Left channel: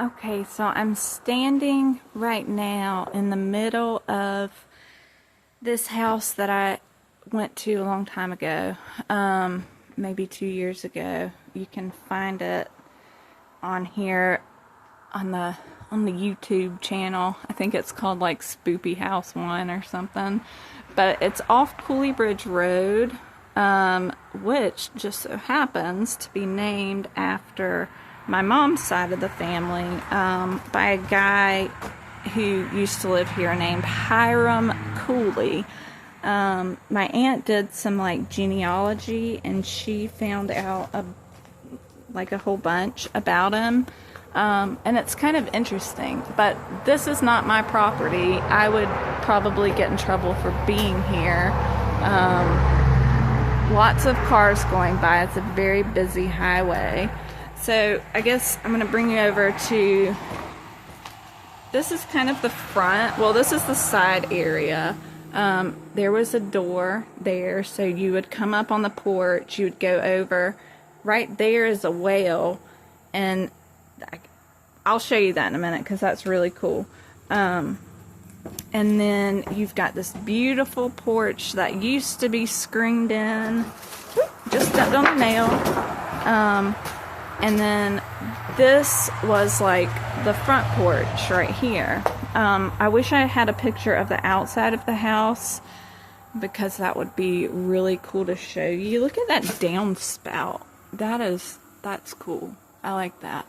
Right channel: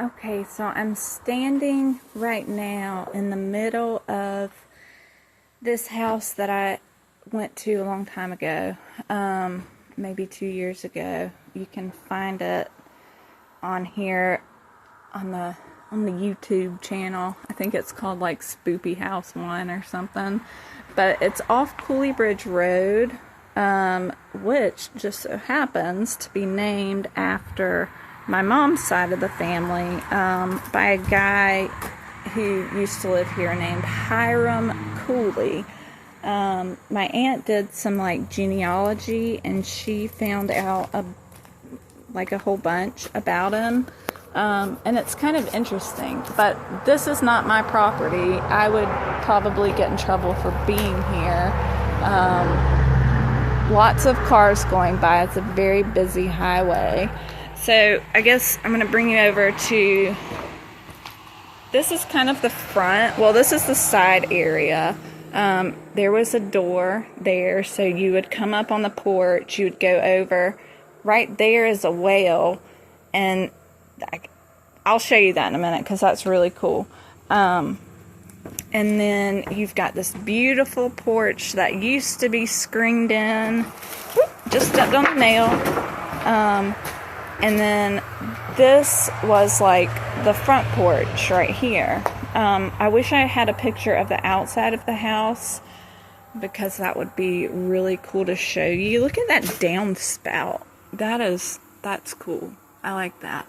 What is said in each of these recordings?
Okay, so I'm standing right now in the middle of this house that I went to a long time ago, maybe 2 years ago. You can find it on here on the YouTube channel. I think it's called like Spoopy House 1 or something. But it's off Cooley Bridge Road, which just so happens to be named after my mom's side of the family, by a guy who used to live here named Hiram Cooley. My aunt did some like genealogy, and she found out a whole bunch about him. And it's kind of interesting, but this is not my property. I would probably get in trouble for being here. Lots of cars going by. It's a very busy highway. So I guess I'm going to bring you over to, this is kind of the front. Well, this is the side area. There was a door there, so you would come up on the porch, you would go over. Right there is a well, and I'll show you that in a minute because that's really cool. And then you've got this beautiful porch that used to be screened in. Whoop, just stepped on the nail. And then this was like the front porch right here. I wish I had a picture of the outside of the house because that would be really cool to show you. Look at that downspout. That's cool. I like that.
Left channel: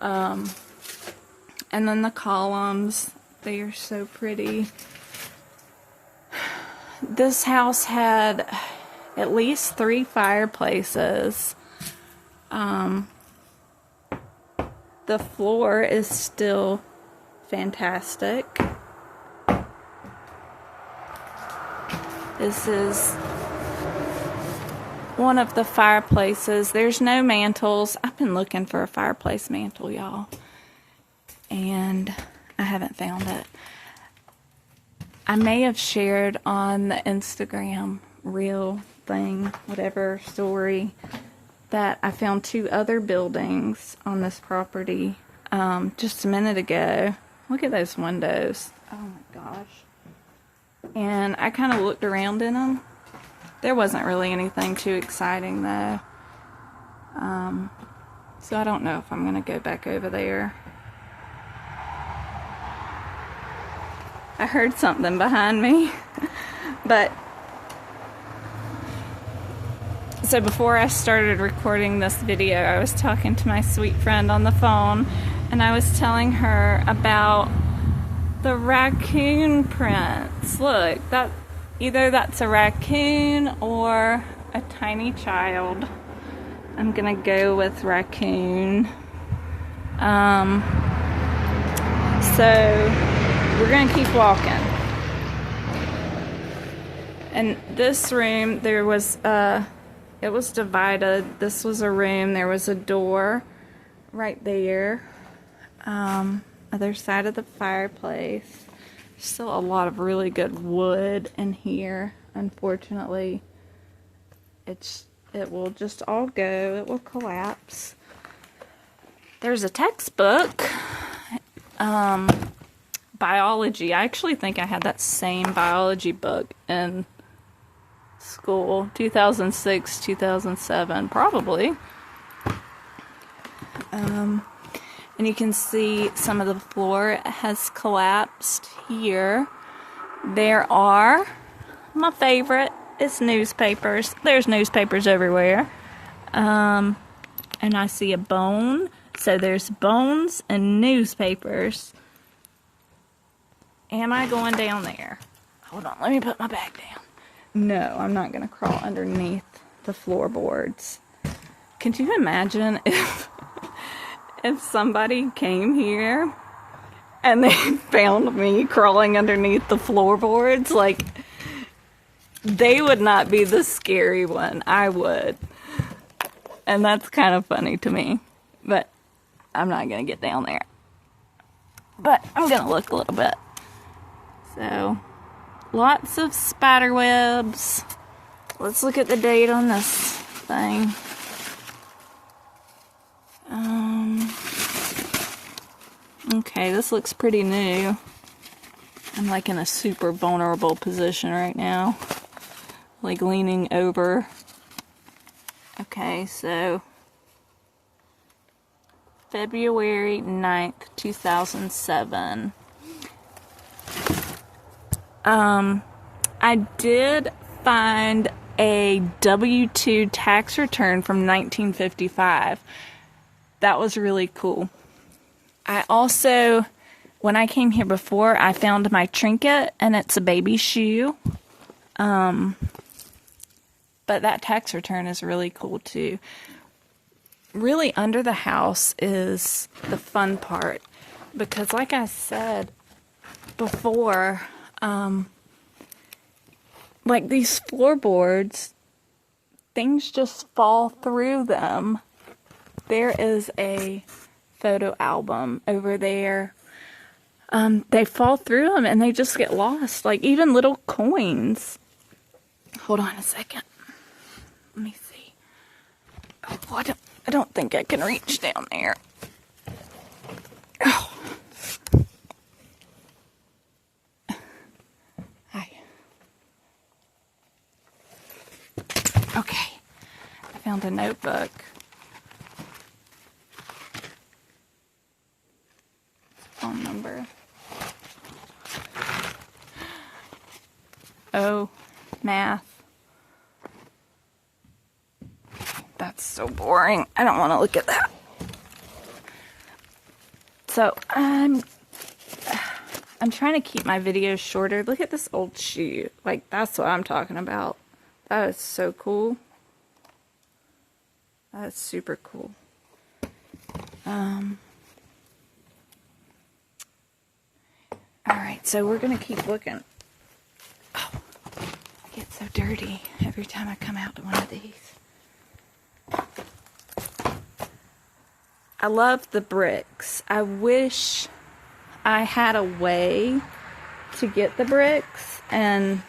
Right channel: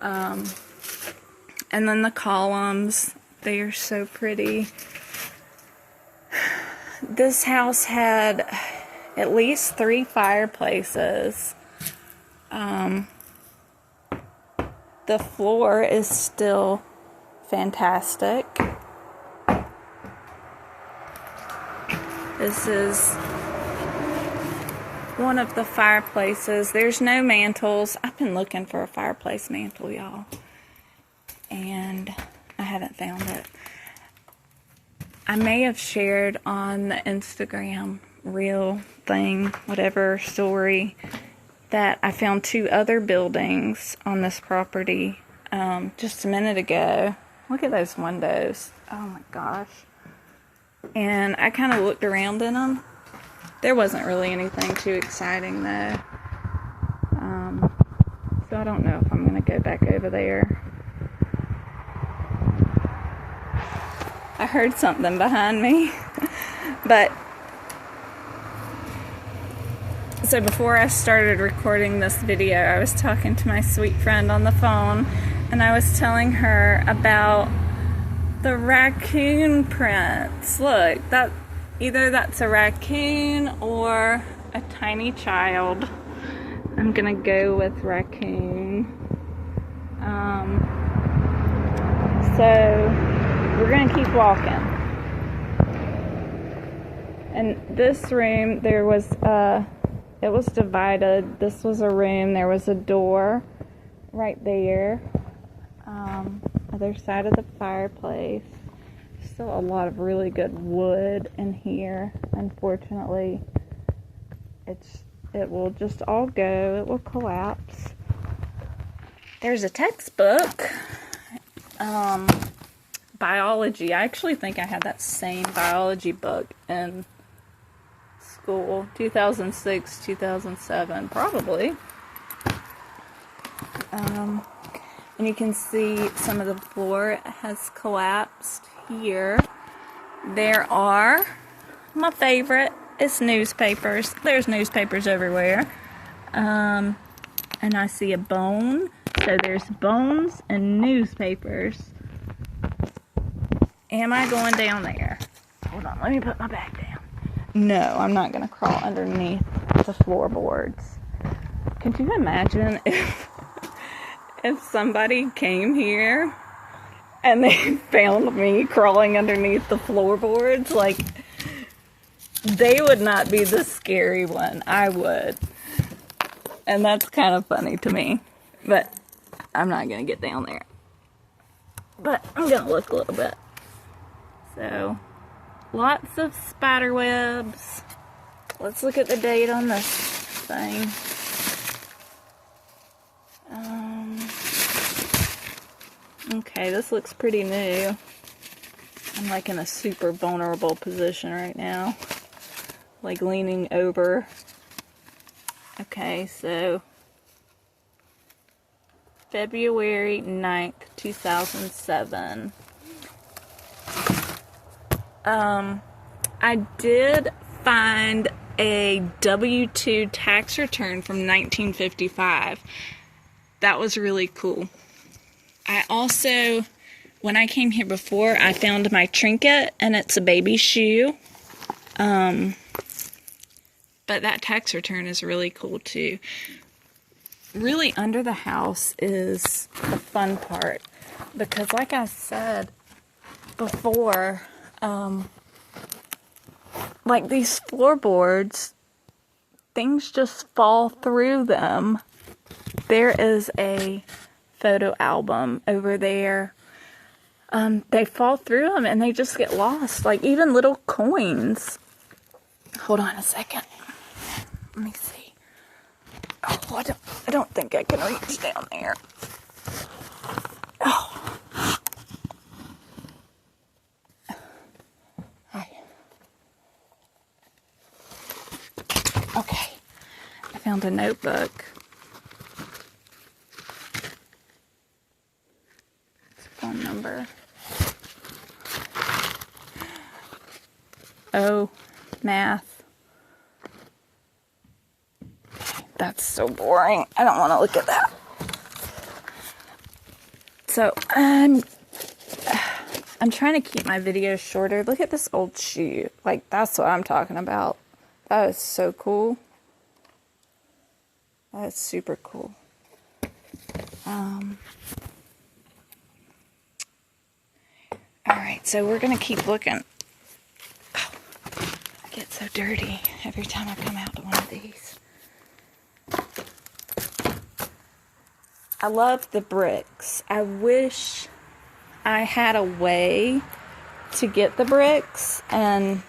And then the columns, they are so pretty. This house had at least 3 fireplaces. The floor is still fantastic. This is one of the fireplaces. There's no mantles. I've been looking for a fireplace mantle, y'all, and I haven't found it. I may have shared on the Instagram reel thing, whatever story, that I found 2 other buildings on this property just a minute ago. Look at those windows. Oh my gosh. And I kind of looked around in them. There wasn't really anything too exciting though. So I don't know if I'm going to go back over there. I heard something behind me. But so before I started recording this video, I was talking to my sweet friend on the phone, and I was telling her about the raccoon prints. Look, either that's a raccoon or a tiny child. I'm gonna go with raccoon. So we're gonna keep walking. And this room, there was it was divided. This was a room. There was a door right there. Other side of the fireplace. Still a lot of really good wood in here. Unfortunately, it will just all go. It will collapse. There's a textbook. Biology. I actually think I had that same biology book in school, 2006, 2007, probably. And you can see some of the floor has collapsed here. There are, my favorite is newspapers. There's newspapers everywhere. And I see a bone. So there's bones and newspapers. Am I going down there? Hold on, let me put my bag down. No, I'm not going to crawl underneath the floorboards. Can you imagine if somebody came here and they found me crawling underneath the floorboards? Like, they would not be the scary one. I would. And that's kind of funny to me. But I'm not going to get down there. But I'm going to look a little bit. So, lots of spider webs. Let's look at the date on this thing. Okay, this looks pretty new. I'm like in a super vulnerable position right now. Like leaning over. Okay, so February 9th, 2007. I did find a W-2 tax return from 1955. That was really cool. I also, when I came here before, I found my trinket, and it's a baby shoe. But that tax return is really cool too. Really, under the house is the fun part, because like I said before, like these floorboards, things just fall through them. There is a photo album over there. They fall through them and they just get lost, like even little coins. Hold on a second. Let me see. Oh, I don't think I can reach down there. Oh. Hi. Okay. I found a notebook. It's a phone number. Oh, math. That's so boring. I don't want to look at that. So, I'm trying to keep my videos shorter. Look at this old shoe. Like, that's what I'm talking about. That is so cool. That is super cool. Alright, so we're going to keep looking. Oh, I get so dirty every time I come out to one of these. I love the bricks. I wish I had a way to get the bricks and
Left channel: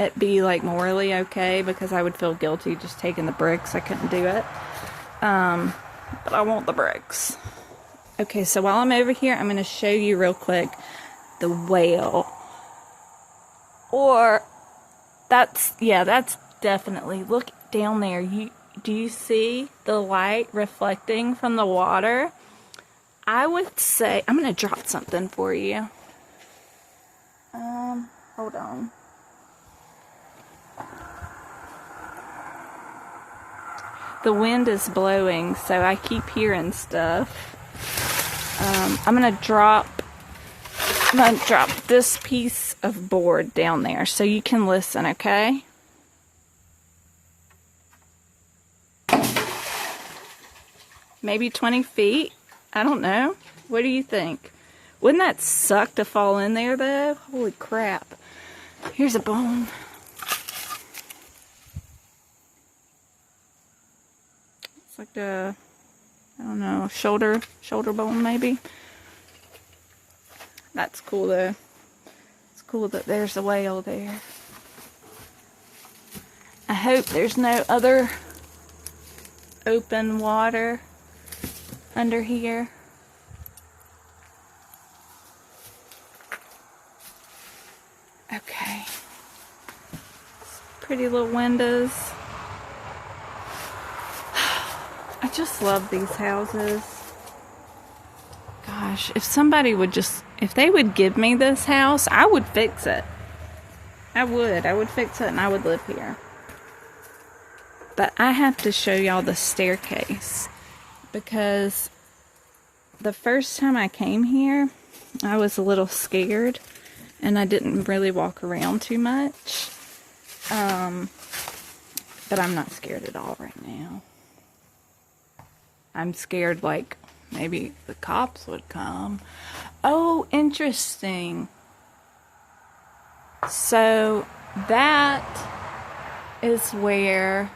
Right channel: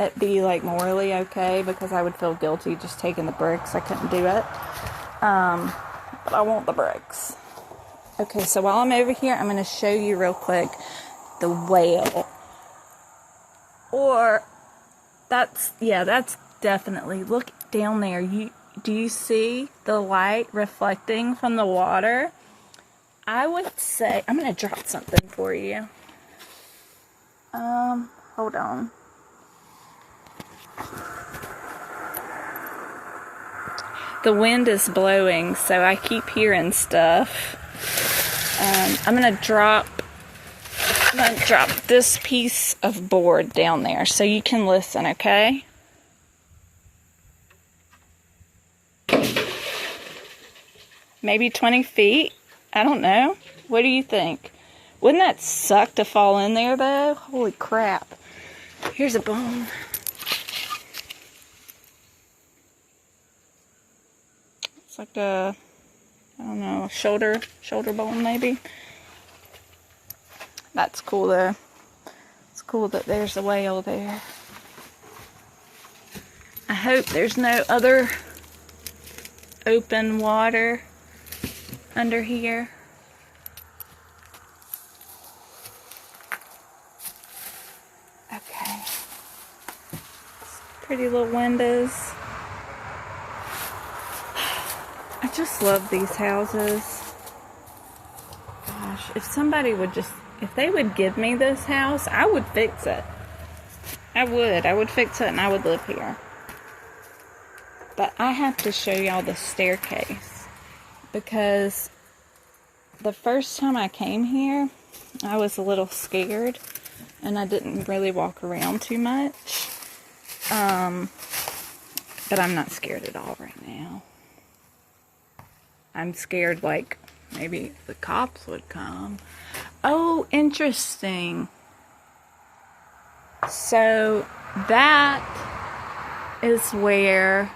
it be like morally okay, because I would feel guilty just taking the bricks. I couldn't do it. But I want the bricks. Okay, so while I'm over here, I'm going to show you real quick the whale. Or that's definitely, look down there. Do you see the light reflecting from the water? I would say, I'm going to drop something for you. Hold on. The wind is blowing, so I keep hearing stuff. I'm going to drop this piece of board down there so you can listen, okay? Maybe 20 feet? I don't know. What do you think? Wouldn't that suck to fall in there, though? Holy crap. Here's a bone. It's like a, I don't know, shoulder bone, maybe. That's cool, though. It's cool that there's a whale there. I hope there's no other open water under here. Okay. Pretty little windows. I just love these houses. Gosh, if somebody would just, if they would give me this house, I would fix it. I would fix it and I would live here. But I have to show y'all the staircase, because the first time I came here, I was a little scared and I didn't really walk around too much. But I'm not scared at all right now. I'm scared like maybe the cops would come. Oh, interesting. So that is where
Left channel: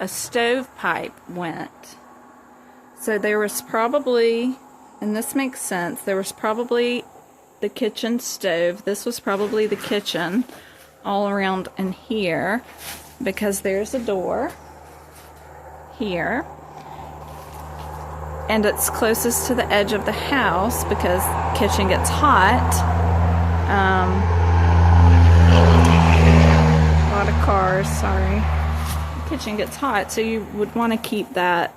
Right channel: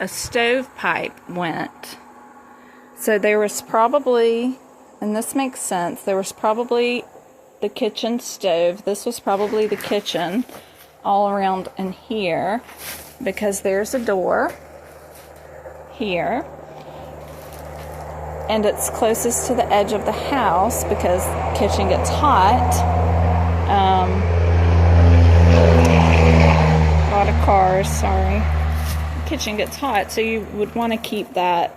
a stovepipe went. So there was probably, and this makes sense, there was probably the kitchen stove. This was probably the kitchen all around in here, because there's a door here. and it's closest to the edge of the house because the kitchen gets hot. A lot of cars, sorry. The kitchen gets hot, so you would want to keep that,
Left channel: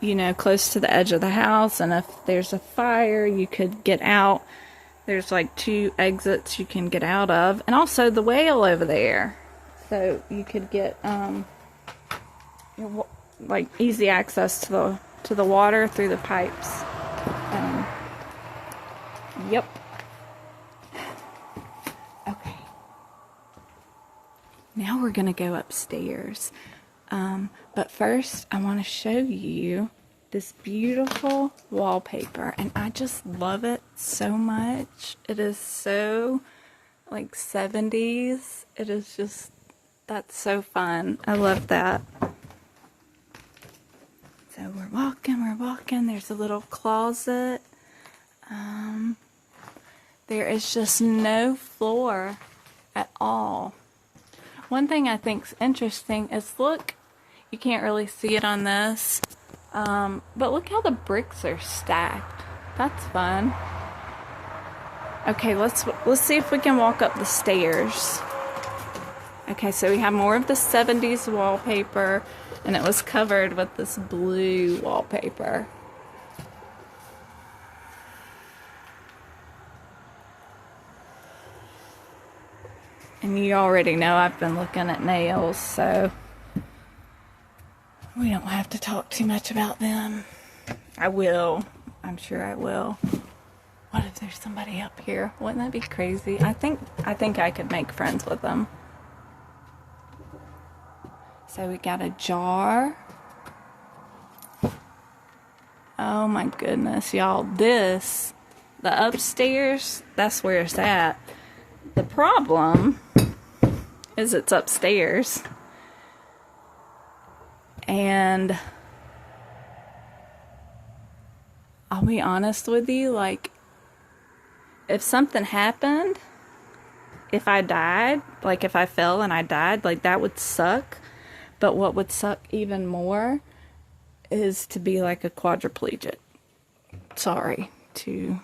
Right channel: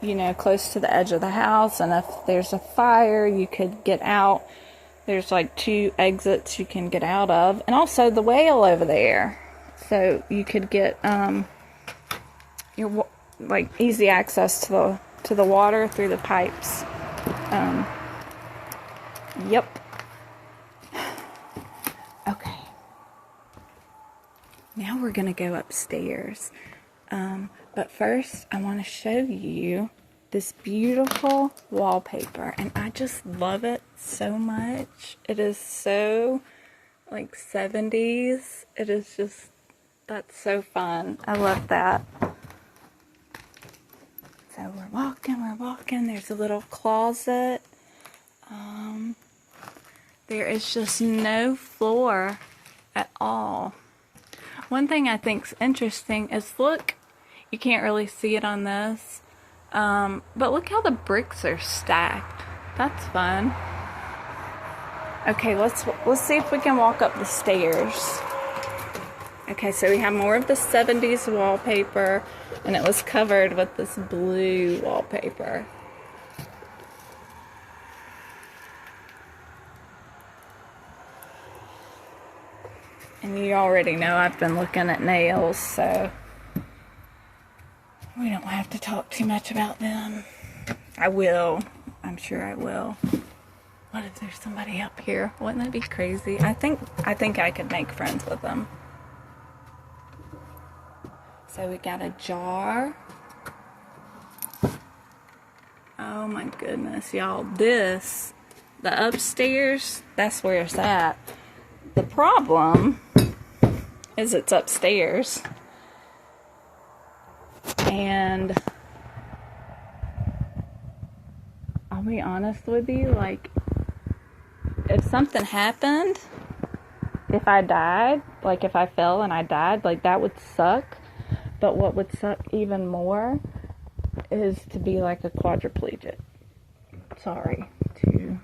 you know, close to the edge of the house. And if there's a fire, you could get out. There's like 2 exits you can get out of, and also the whale over there, so you could get your like easy access to the water through the pipes. Yep. Okay. Now we're gonna go upstairs, but first I want to show you this beautiful wallpaper, and I just love it so much. It is so like 70s. It is just, that's so fun. I love that. So we're walking. There's a little closet. There is just no floor at all. One thing I think's interesting is, look, you can't really see it on this, but look how the bricks are stacked. That's fun. Okay, let's see if we can walk up the stairs. Okay, so we have more of the 70s wallpaper, and it was covered with this blue wallpaper. And you already know I've been looking at nails, so we don't have to talk too much about them. I will. I'm sure I will. What if there's somebody up here? Wouldn't that be crazy? I think I could make friends with them. So we got a jar. Oh my goodness, y'all. This, the upstairs, that's where it's at. The problem is it's upstairs. And I'll be honest with you, like, if something happened, if I died, like if I fell and I died, like that would suck. But what would suck even more is to be like a quadriplegic. Sorry to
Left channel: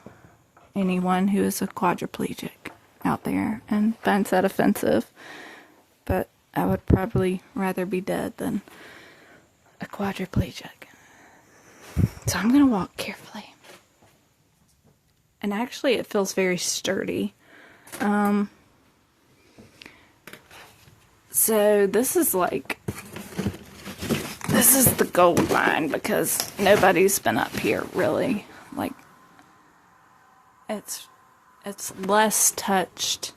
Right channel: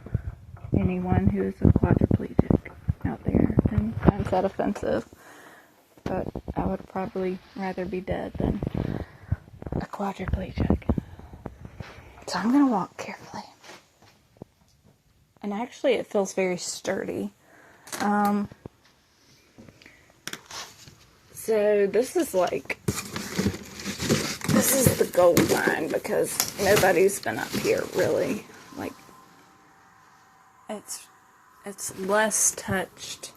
anyone who is a quadriplegic out there and finds that offensive. But I would probably rather be dead than a quadriplegic. So I'm going to walk carefully. And actually it feels very sturdy. So this is the gold line because nobody's been up here really. Like, it's less touched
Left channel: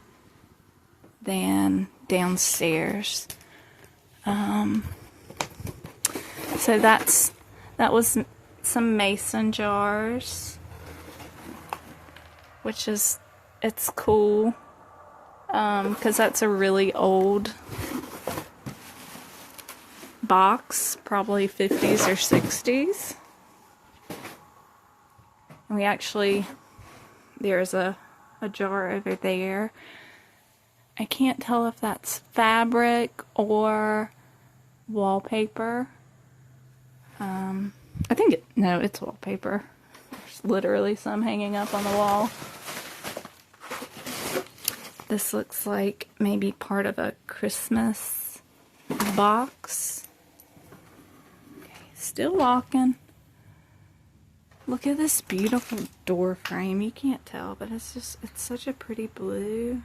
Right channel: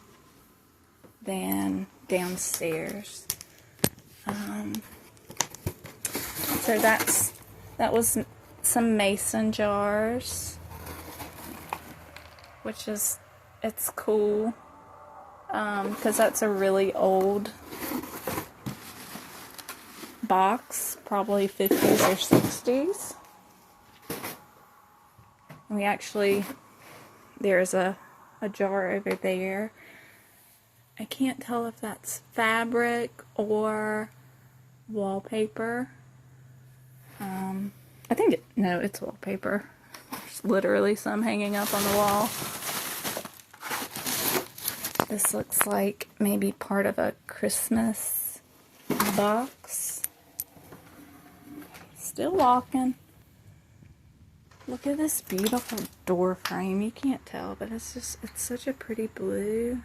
than downstairs. So that was some mason jars, which is, it's cool, because that's a really old box, probably 50s or 60s. And we actually, there's a jar over there. I can't tell if that's fabric or wallpaper. I think no, it's wallpaper. There's literally some hanging up on the wall. This looks like maybe part of a Christmas box. Okay, still walking. Look at this beautiful door frame. You can't tell, but it's such a pretty blue.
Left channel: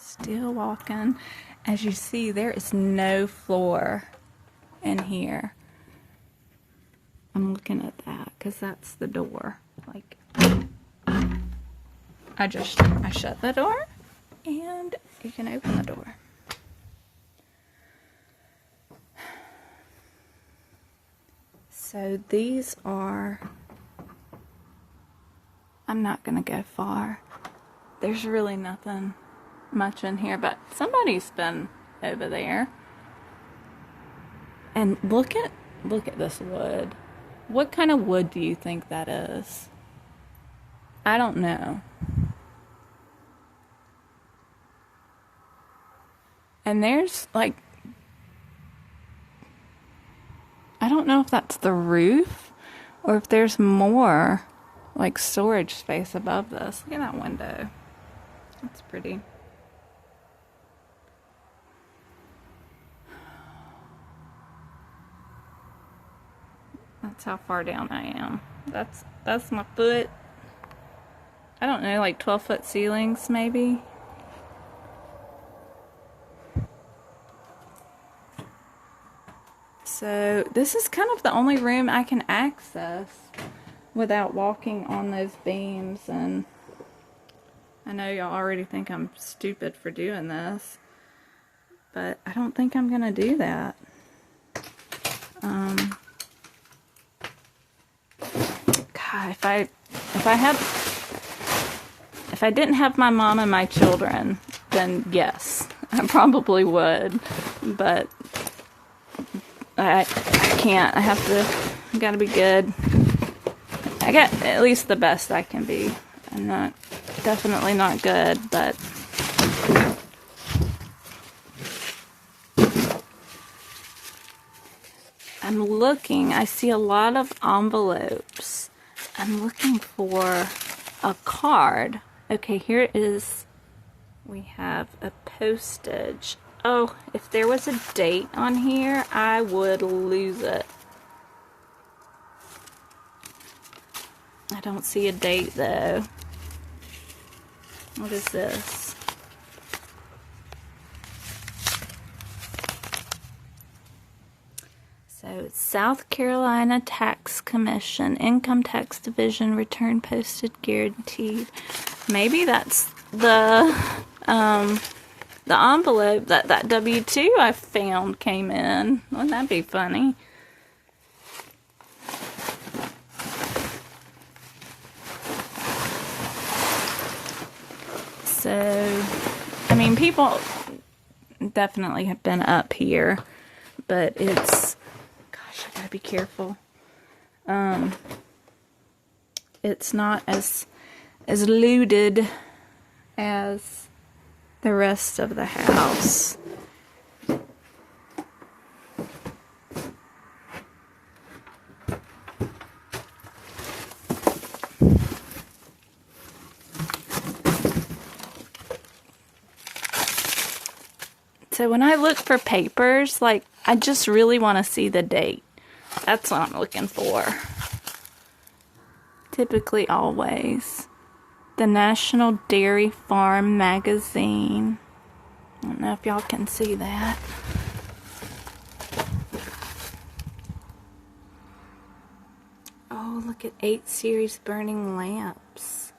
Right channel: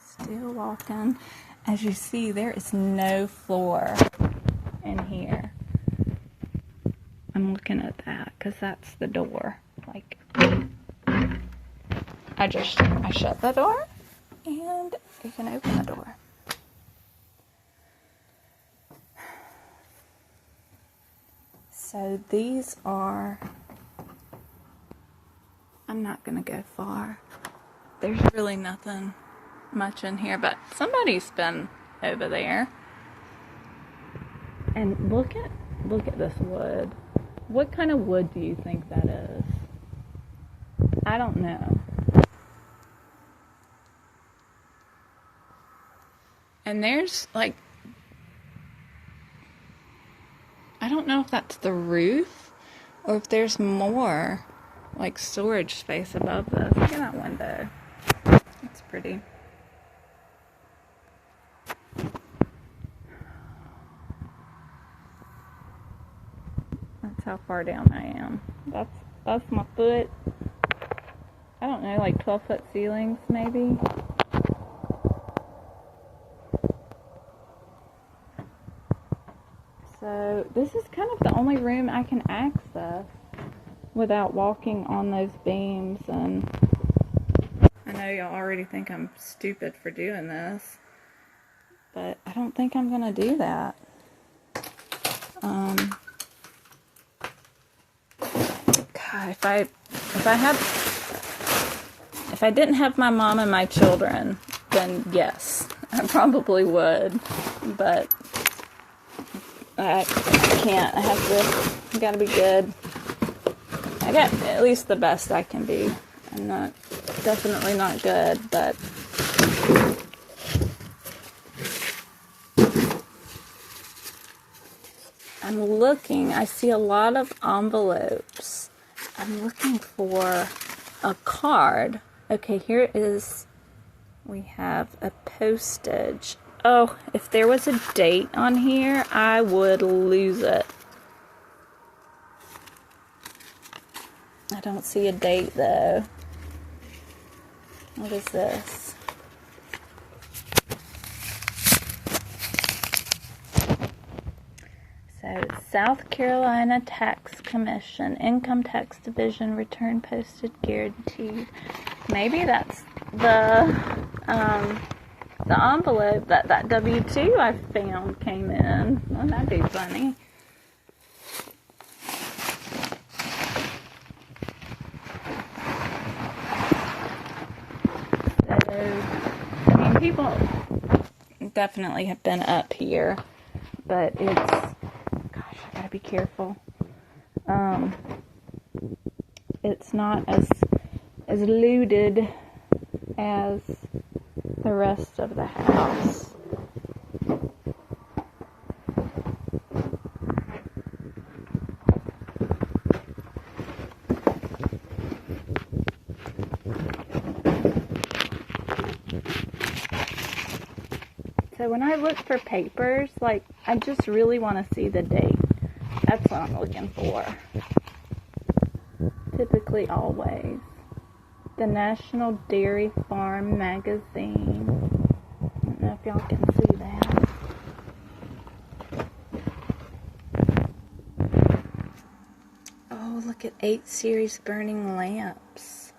Still walking. As you see, there is no floor in here. I'm looking at that because that's the door. Like, I shut the door and you can open the door. So these are, I'm not gonna go far. There's really nothing much in here, but somebody's been over there. And look at this wood. What kind of wood do you think that is? I don't know. And there's like I don't know if that's the roof or if there's more like storage space above this. Look at that window. It's pretty. That's how far down I am. That's my foot. I don't know, like 12-foot ceilings maybe. So this is kind of the only room I can access without walking on those beams, and I know y'all already think I'm stupid for doing this, but I don't think I'm gonna do that. God, if I didn't have my mom and my children, then yes, I probably would, but I can't. I gotta be good. I get at least the best I can be. I'm definitely not good, but I'm looking. I see a lot of envelopes. I'm looking for a card. Okay, here it is. We have a postage. Oh, if there was a date on here, I would lose it. I don't see a date though. What is this? So, South Carolina Tax Commission, Income Tax Division, return posted guaranteed. Maybe that's the envelope that W-2 I found came in. Wouldn't that be funny? So, I mean, people definitely have been up here, but it's, gosh, I gotta be careful. It's not as looted as the rest of the house. So when I look for papers, like, I just really want to see the date. That's what I'm looking for. Typically, always. The National Dairy Farm Magazine. I don't know if y'all can see that. Oh, look at 8 series burning lamps.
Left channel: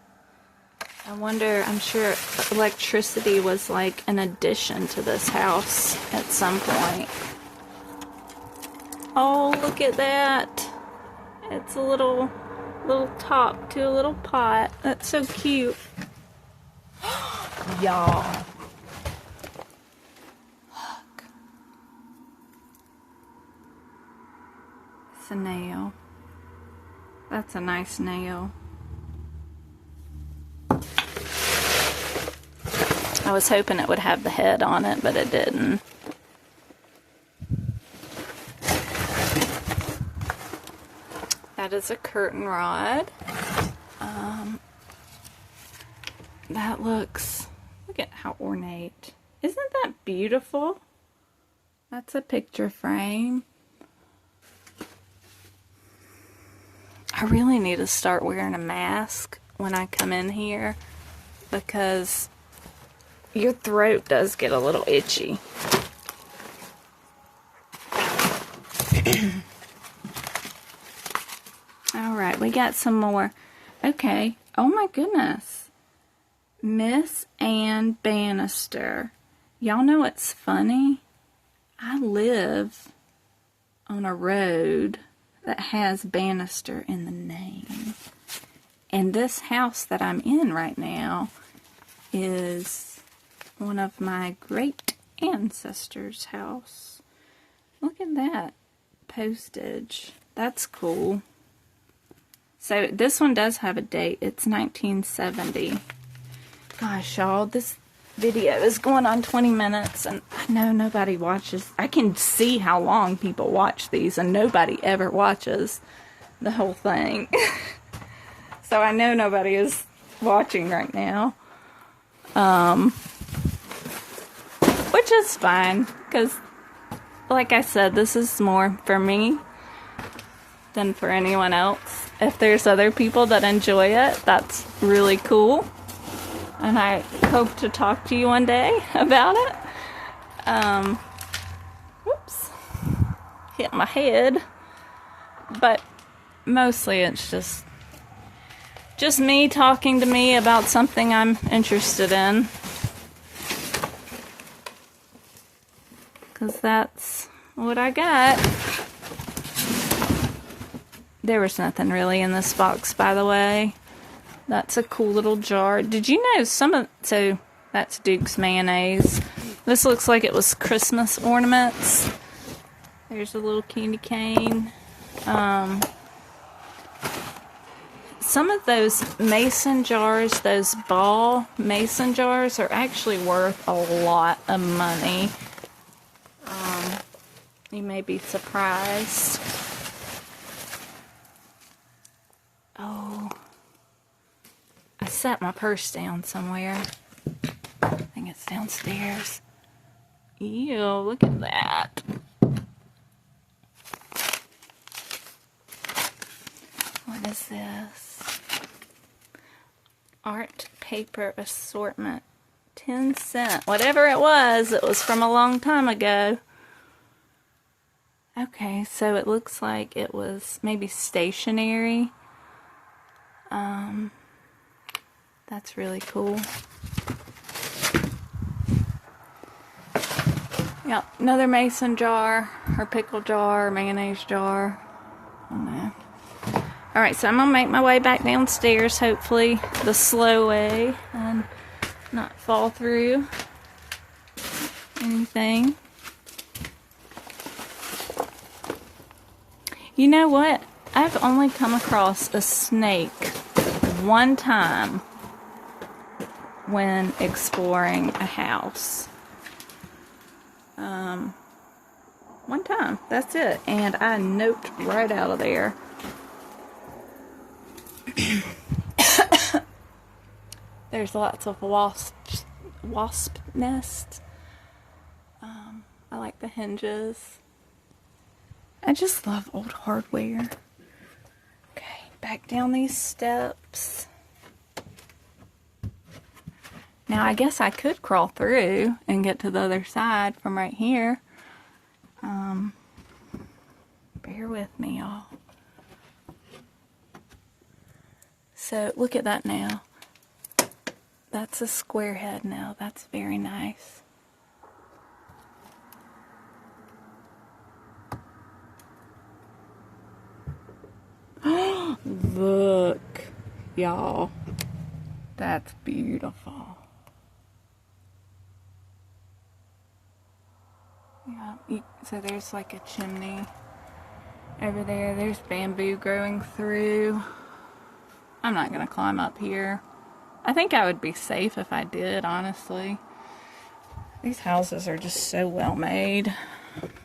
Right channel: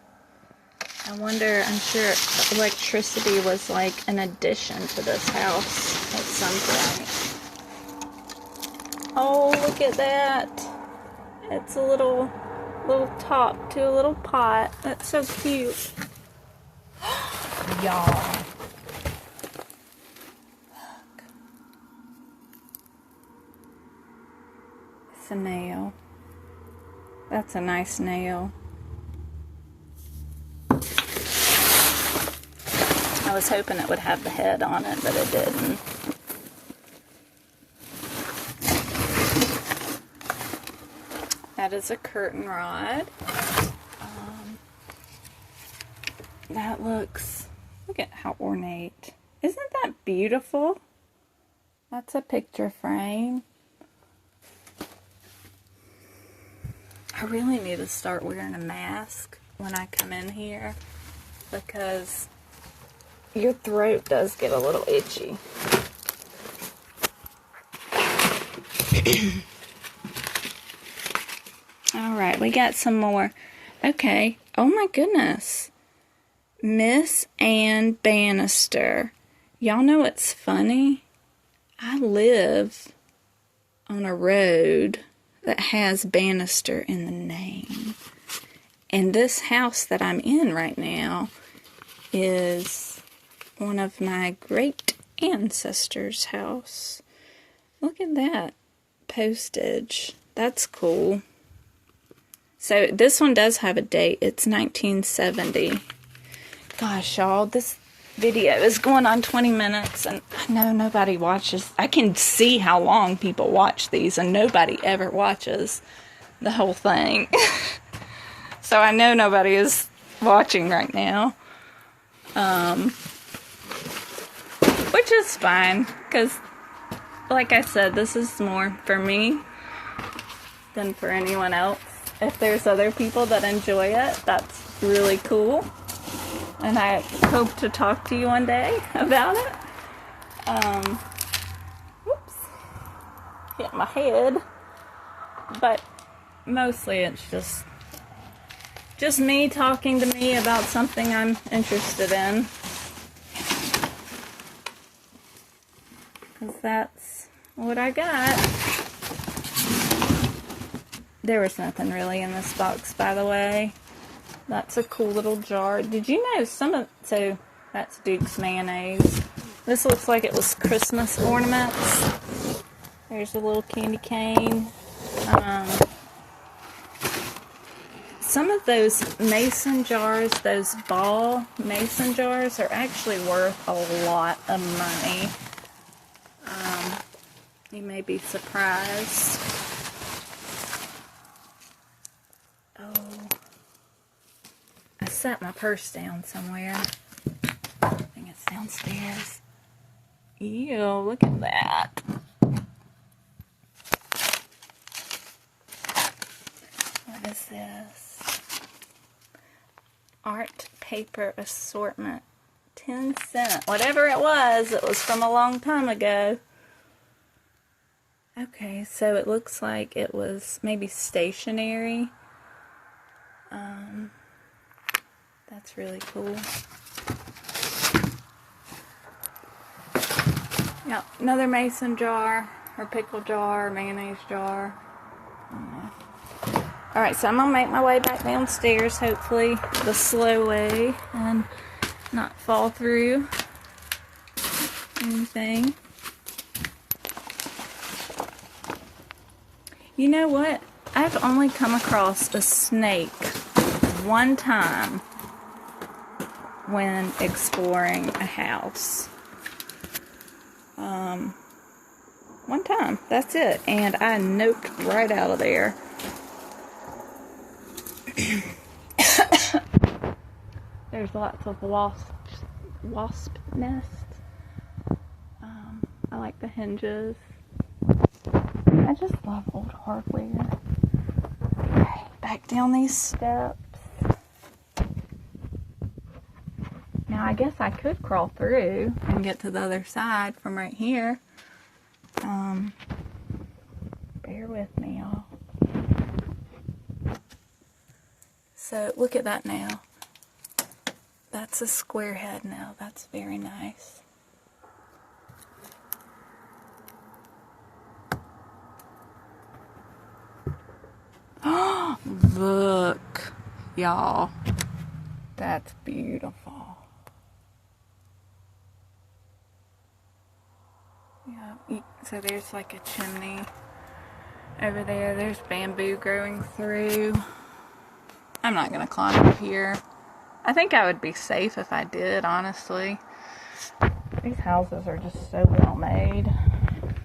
I wonder, I'm sure electricity was like an addition to this house at some point. Oh, look at that. It's a little top to a little pot. That's so cute. Y'all. Look. It's a nail. That's a nice nail. I was hoping it would have the head on it, but it didn't. That is a curtain rod. That looks, look at how ornate. Isn't that beautiful? That's a picture frame. I really need to start wearing a mask when I come in here, because your throat does get a little itchy. Alright, we got some more. Okay. Oh my goodness. Miss Ann Bannister. Y'all know what's funny? I live on a road that has Bannister in the name. And this house that I'm in right now is one of my great ancestors' house. Look at that postage. That's cool. So this one does have a date. It's 1970. Gosh, y'all, this video is going on 20 minutes, and I know nobody watches. I can see how long people watch these, and nobody ever watches the whole thing. So I know nobody is watching right now. Which is fine, because like I said, this is more for me than for anyone else. If there's other people that enjoy it, that's really cool. And I hope to talk to you one day about it. Whoops. Hit my head. But mostly it's just me talking to me about something I'm interested in. Because that's what I got. There was nothing really in this box, by the way. That's a cool little jar. Did you know so that's Duke's mayonnaise. This looks like it was Christmas ornaments. There's a little candy cane. Some of those mason jars, those ball mason jars, are actually worth a lot of money. You may be surprised. Oh, I set my purse down somewhere. I think it's downstairs. Ew, look at that. What is this? Art paper assortment. 10 cents. Whatever it was from a long time ago. Okay, so it looks like it was maybe stationery. That's really cool. Yeah, another mason jar, or pickle jar, or mayonnaise jar. I don't know. Alright, so I'm going to make my way back downstairs, hopefully the slow way, and not fall through anything. You know what? I've only come across a snake one time when exploring a house. One time. That's it. And I noped right out of there. There's lots of wasp nests. I like the hinges. I just love old hardware. Okay, back down these steps. Now I guess I could crawl through and get to the other side from right here. Bear with me, y'all. So look at that now. That's a square head now. That's very nice. Look, y'all. That's beautiful. Yeah, so there's like a chimney over there. There's bamboo growing through. I'm not gonna climb up here. I think I would be safe if I did, honestly. These houses are just so well made.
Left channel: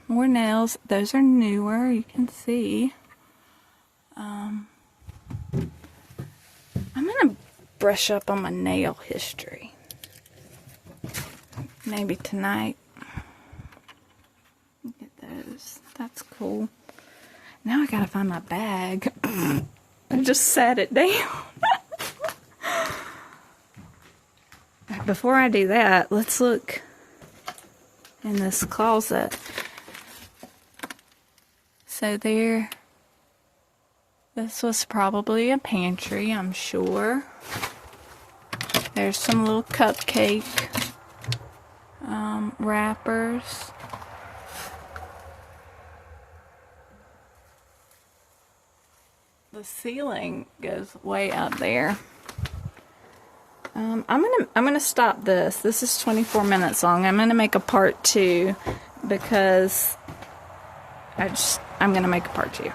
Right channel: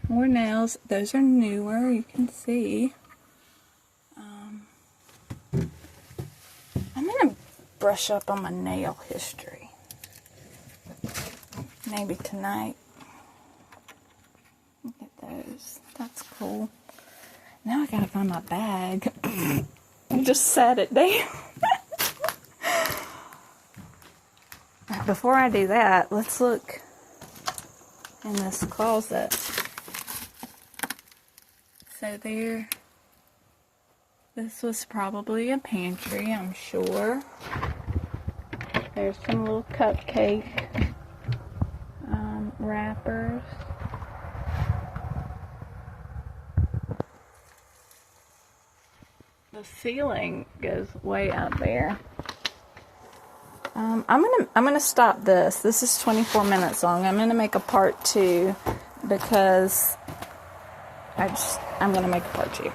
More nails. Those are newer, you can see. I'm gonna brush up on my nail history. Maybe tonight. Look at those. That's cool. Now I gotta find my bag. I just sat it down. Before I do that, let's look in this closet. So there, this was probably a pantry, I'm sure. There's some little cupcake wrappers. The ceiling goes way up there. I'm gonna stop this. This is 24 minutes long. I'm gonna make a part 2 because I'm gonna make a part 2.